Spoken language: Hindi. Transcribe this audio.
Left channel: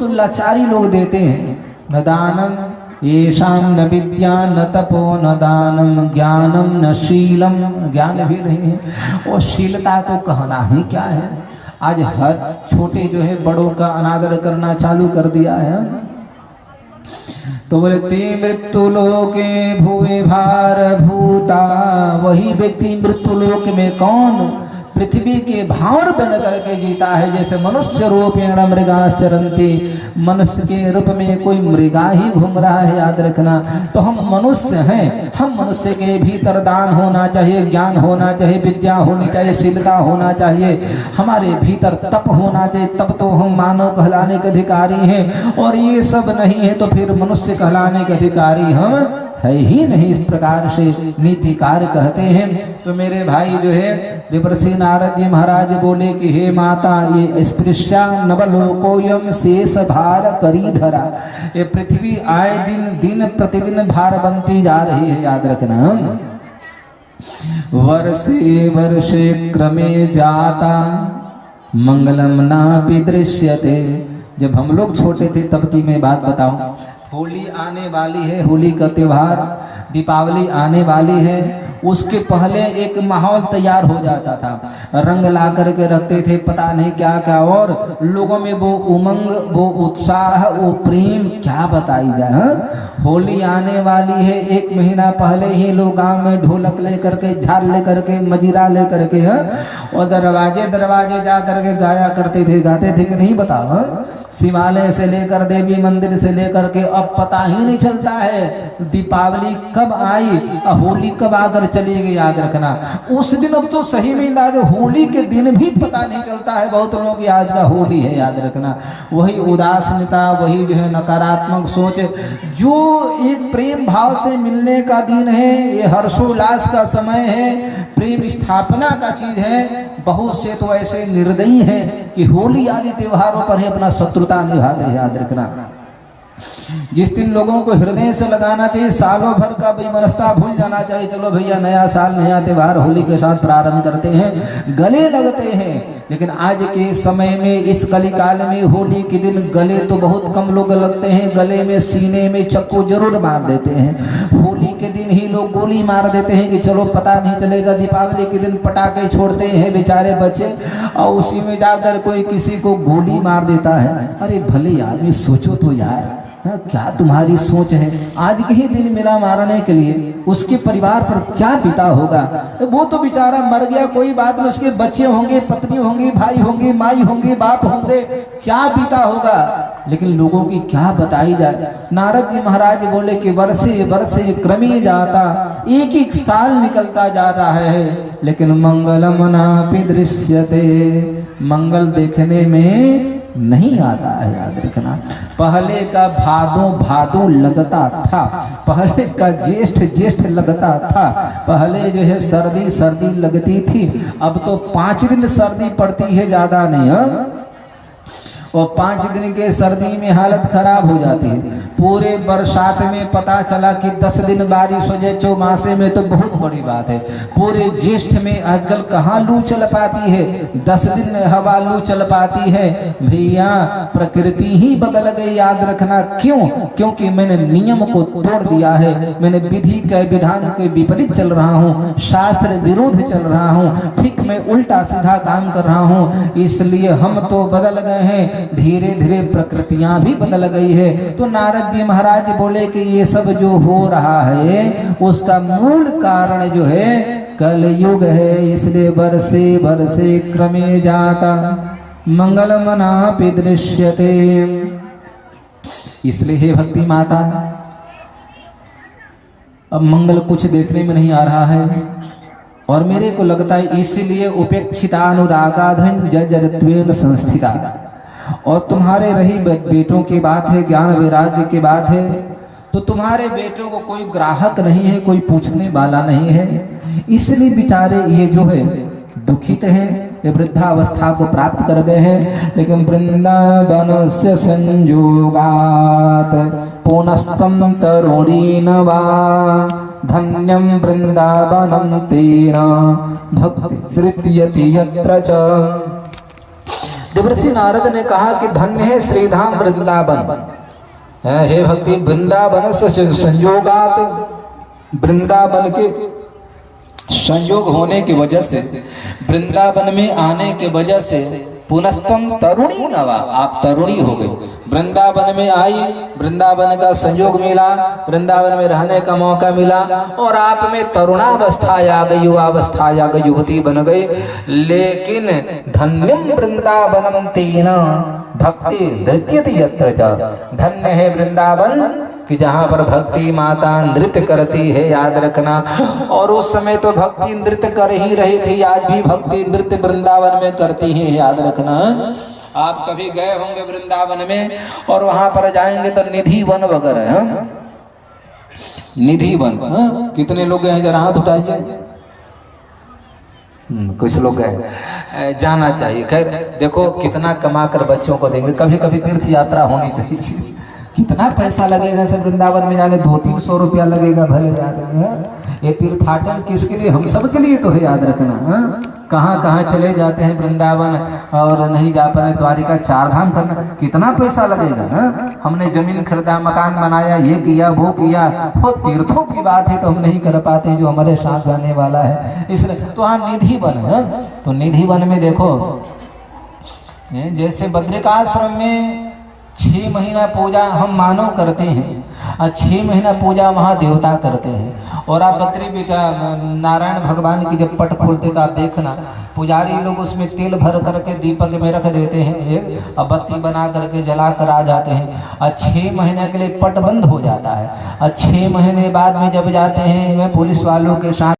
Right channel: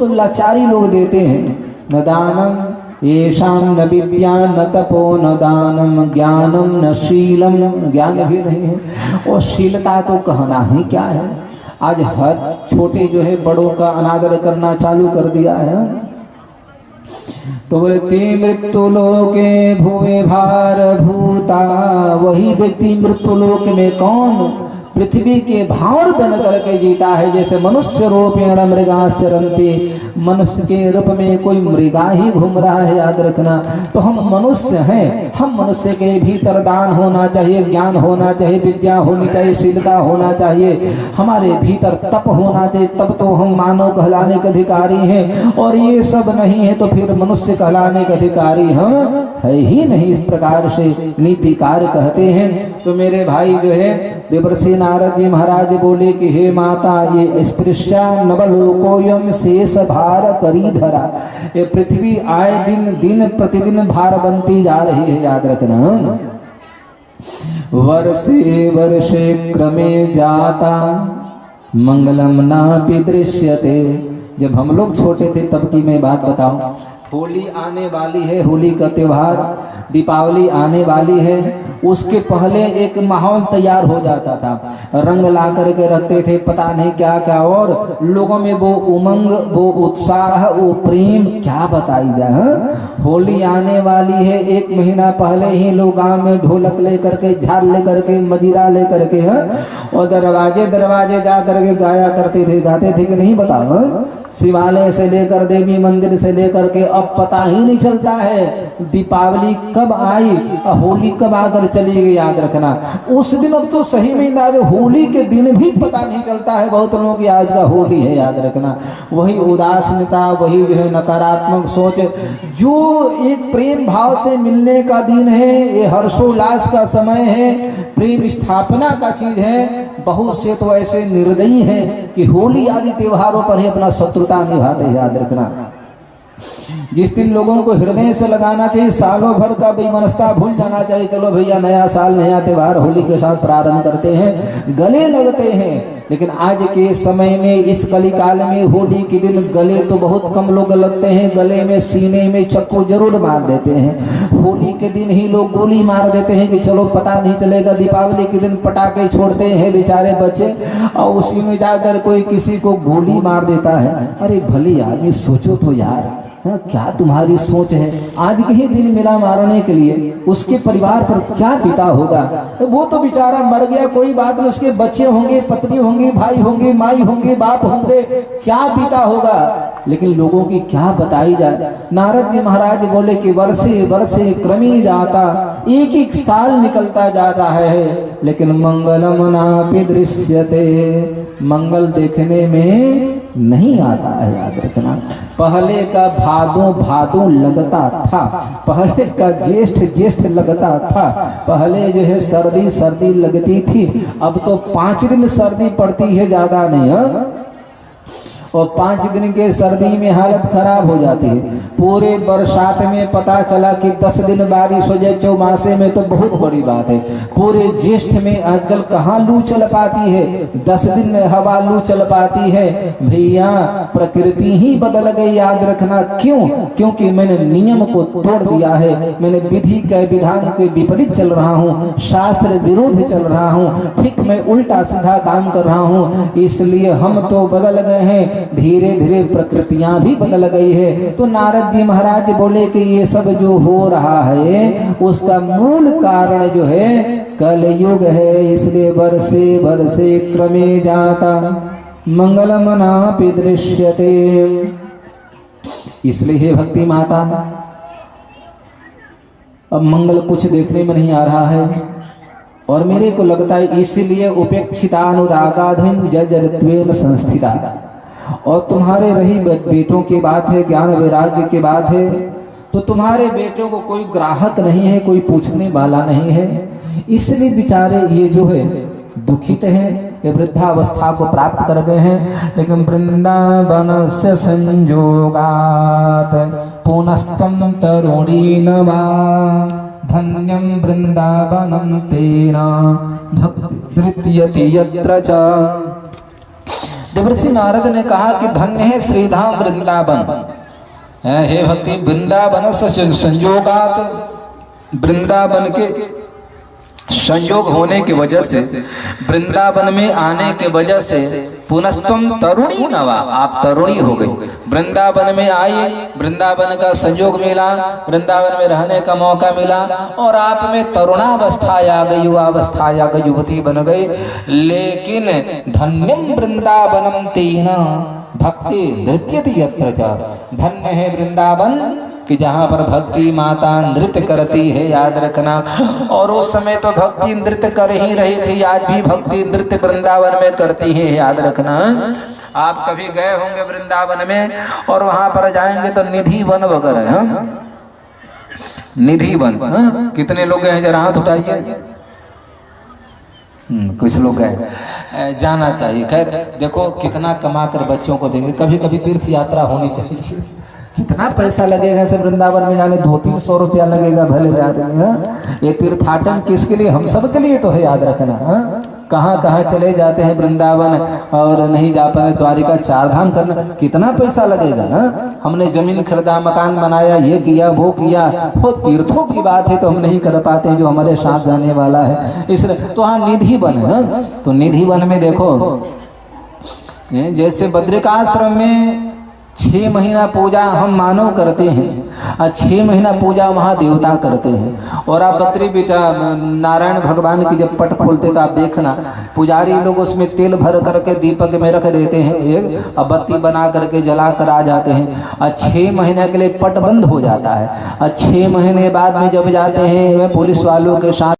तो लाचारी लोग देते हैं। न दानम येषां न विद्या न तपो न दानम ज्ञानम न शीलम, ज्ञान भी नहीं है और शीलता तो कहना ही क्या है। आज हर छोटे जो है बड़ों का अनादर करना चालू कर दिया है। तो बोले ते मृत्यु लोके भुवे भार भूता, वही व्यक्ति मृत्यु लोक में कौन पृथ्वी के भार बन करके जीता है। जैसे मनुष्य रूपेण मृगाश्चरन्ति, मनुष्य के रूप में कोई मृगा ही घूम रहा है, याद रखना। तो हम मनुष्य हैं, हम मनुष्य के भीतर दान होना चाहिए, ज्ञान होना चाहिए, विद्या होनी चाहिए, शीलता होना चाहिए, हमारे भीतर तप होना चाहिए, तब तो हम मानव कहलाने के अधिकारी हैं। और ये सब नहीं है तो फिर मनुष्य कहलाने के अधिकारी हम है ही नहीं। इस प्रकार से नीतिकार कहते हैं। तो मेरे भाई जो है देवर्षि नारद जी महाराज बोले कि हे माता, ये स्पृश्या नवलोकोयम शेष भार करी धरा, ये पृथ्वी आए दिन दिन प्रतिदिन भार बनती जा रही है, याद रखना। वर्षे वर्षे क्रमे जाता मंगलम नापि दृश्यते। जब हम लोग छोटे थे तब की मैं बात बताऊं, होली आने वाली है, होली का त्योहार, दीपावली आने वाली है, उसके पहले एक माहौल तैयार हो जाता था। रंग ला करके रखते थे, पता नहीं क्या क्या, और लोगों में वो उमंग, वो उत्साह, वो प्रेम क्या बताई जाए। होली आने वाली है, एक महीना पहले ही लोग गांव में ढोलक ले करके, झाल ले करके, मजीरा ले करके और दरवाजे दरवाजे जा करके गाया करते थे, गाते थे कि नहीं बताओ। शिवालय से लेकर देवी मंदिर से लेकर के अब पता ही नहीं चलता है दीपावली कब आई, होली कब आकर चली गई, याद रखना। उस दिन अब तो सही में अंदाज, होली के दिन भी पता नहीं चलता है बहुत लोगों की आज का होली है, याद रखना। वही उदासीनता, वही जो है नकारात्मक सोच, जो एक प्रेम भाव से मिलने का दिन है, ये हर्षोल्लास का समय है, प्रेम स्थापना का चीज है। बहुत से तो ऐसे निर्दयी हैं कि होली आदि त्योहारों पर ही अपना शत्रुता निभाते हैं, याद रखना। जिस दिन लोगों को हृदय से लगाना चाहिए, सालों भर का बेमनस्ता भूल जाना चाहिए, चलो भैया नया साल नया त्योहार होली के साथ प्रारंभ करते हैं, गले लगते हैं। लेकिन आज के समय में इस कलिकाल में होली के दिन गले तो बहुत कम लोग लगते हैं, गले में सीने में चक्कू जरूर मार देते हैं। होली के दिन ही लोग गोली मार देते हैं कि चलो पता नहीं चलेगा। दीपावली के दिन पटाखे छोड़ते हैं बेचारे बच्चे, और उसी में जाकर कोई किसी को गोली मार देता है। अरे भले आदमी सोचो तो यार, हाँ, क्या तुम्हारी सोच है। आज के ही दिन मिला मारने के लिए, उसके परिवार पर क्या बीता होगा। वो तो बेचारा मर गया, कोई बात नहीं, उसके बच्चे होंगे, पत्नी होंगी, भाई होंगे, माई होंगे, बाप होंगे, क्या बीता होगा। लेकिन लोगों की क्या बताई जाए। नारद जी महाराज बोले कि वर्षे वर्षे क्रमी जाता, एक एक साल निकलता जा रहा है, लेकिन मंगलम नापि दृश्यते, मंगल देखने में नहीं आता है, याद रखना। पहले का भादों भादों लगता था, पहले का ज्येष्ठ ज्येष्ठ लगता था, पहले जो है सर्दी सर्दी लगती थी, अब तो 5 दिन सर्दी पड़ती है, ज्यादा नहीं है। और 5 दिन के सर्दी में हालत खराब हो जाती है। पूरे बरसात में पता चला कि 10 दिन बारिश हो जाए चौमासे में तो बहुत बड़ी बात है। पूरे ज्येष्ठ में आजकल कहाँ लू चल पाती है, 10 दिन हवा लू चल पाती है। भैया प्रकृति ही बदल गई, याद रखना। क्यों? क्योंकि मैंने नियम को तोड़ दिया है, मैंने विधि के विधान के विपरीत चल रहा हूँ, शास्त्र विरोध चल रहा हूँ, ठीक मैं उल्टा सीधा काम कर रहा हूँ। इसलिए हम तो बदल गए हैं, धीरे धीरे प्रकृतियां भी बदल गई है। तो नारद जी महाराज बोले कि ये सब जो हो रहा है उसका मूल कारण जो है कलयुग है। इसलिए वर्षे वर्षे क्रमे जाता मंगलम नापि दृश्यते। इसलिए हे भक्ति माता, अब मंगल कुछ देखने में नहीं आ रहा है, और मेरे को लगता है इसीलिए उपेक्षितानुरागाधन जजरत्वेन संस्थिता। और तुम्हारे रही बेटों की बात है, ज्ञान वैराग्य की बात है, तो तुम्हारे बेटों को कोई ग्राहक नहीं है, कोई पूछने वाला नहीं है। इसलिए बेचारे ये जो है दुखित हैं, ये वृद्धावस्था को प्राप्त कर गए हैं। लेकिन वृंदावन से संयोगात पुनस्तम तरुणी नवा धन्यम वृंदावनम तेना भक्ति तृतीयति यत्र च। देवर्षि नारद ने कहा कि धन्य है श्रीधाम वृंदावन, हे भक्ति वृंदावन से संयोगात, वृंदावन के संयोग होने की वजह से, वृंदावन में आने के वजह से पुनस्तम तरुणी नवा, आप तरुणी हो गई। वृंदावन में आई, वृंदावन का संयोग मिला, वृंदावन में रहने का मौका मिला और आप में तरुणावस्था आ गई, युवावस्था आ गई, युवती बन गई। लेकिन धन्यम वृंदावनम तेना भक्ति नृत्यति यत्र च, धन्य है वृंदावन कि जहाँ पर भक्ति माता नृत्य करती है, याद रखना। और उस समय तो भक्ति नृत्य कर ही रही थी, आज भी भक्ति नृत्य वृंदावन में करती है, याद रखना। आप कभी गए होंगे वृंदावन में और वहां पर जाएंगे तो निधि वन वगैरह, निधि वन, कितने लोग गए हैं जरा हाथ उठाइए। कुछ लोग गए, जाना चाहिए। खैर देखो कितना कमा कर बच्चों को देंगे, कभी कभी तीर्थ यात्रा होनी चाहिए। कितना पैसा लगेगा से वृंदावन में जाने, 200-300 रुपया लगेगा भले आदमी। ये तीर्थाटन किसके लिए, हम सब के लिए तो है, याद रखना। कहाँ कहाँ चले जाते हैं वृंदावन और नहीं जा पाते, द्वारिका चारधाम करने कितना पैसा लगेगा। हमने जमीन खरीदा, मकान बनाया, ये किया वो किया, वो तीर्थों की बात है तो हम नहीं कर पाते जो हमारे साथ जाने वाला है। इसलिए तो हम निधि वन है, तो निधि वन में देखो जैसे बद्रिकाश्रम में 6 महीना पूजा हम मानव करते हैं और 6 महीना पूजा वहाँ देवता करते हैं। और आप बद्री बेटा नारायण भगवान की जब पट खोलते तो आप देखना पुजारी लोग उसमें तेल भर करके दीपक में रख देते हैं, एक बत्ती बना करके जला कर आ जाते हैं और 6 महीने के लिए पट बंद हो जाता है। और 6 महीने बाद में जब जाते हैं पुलिस वालों के साथ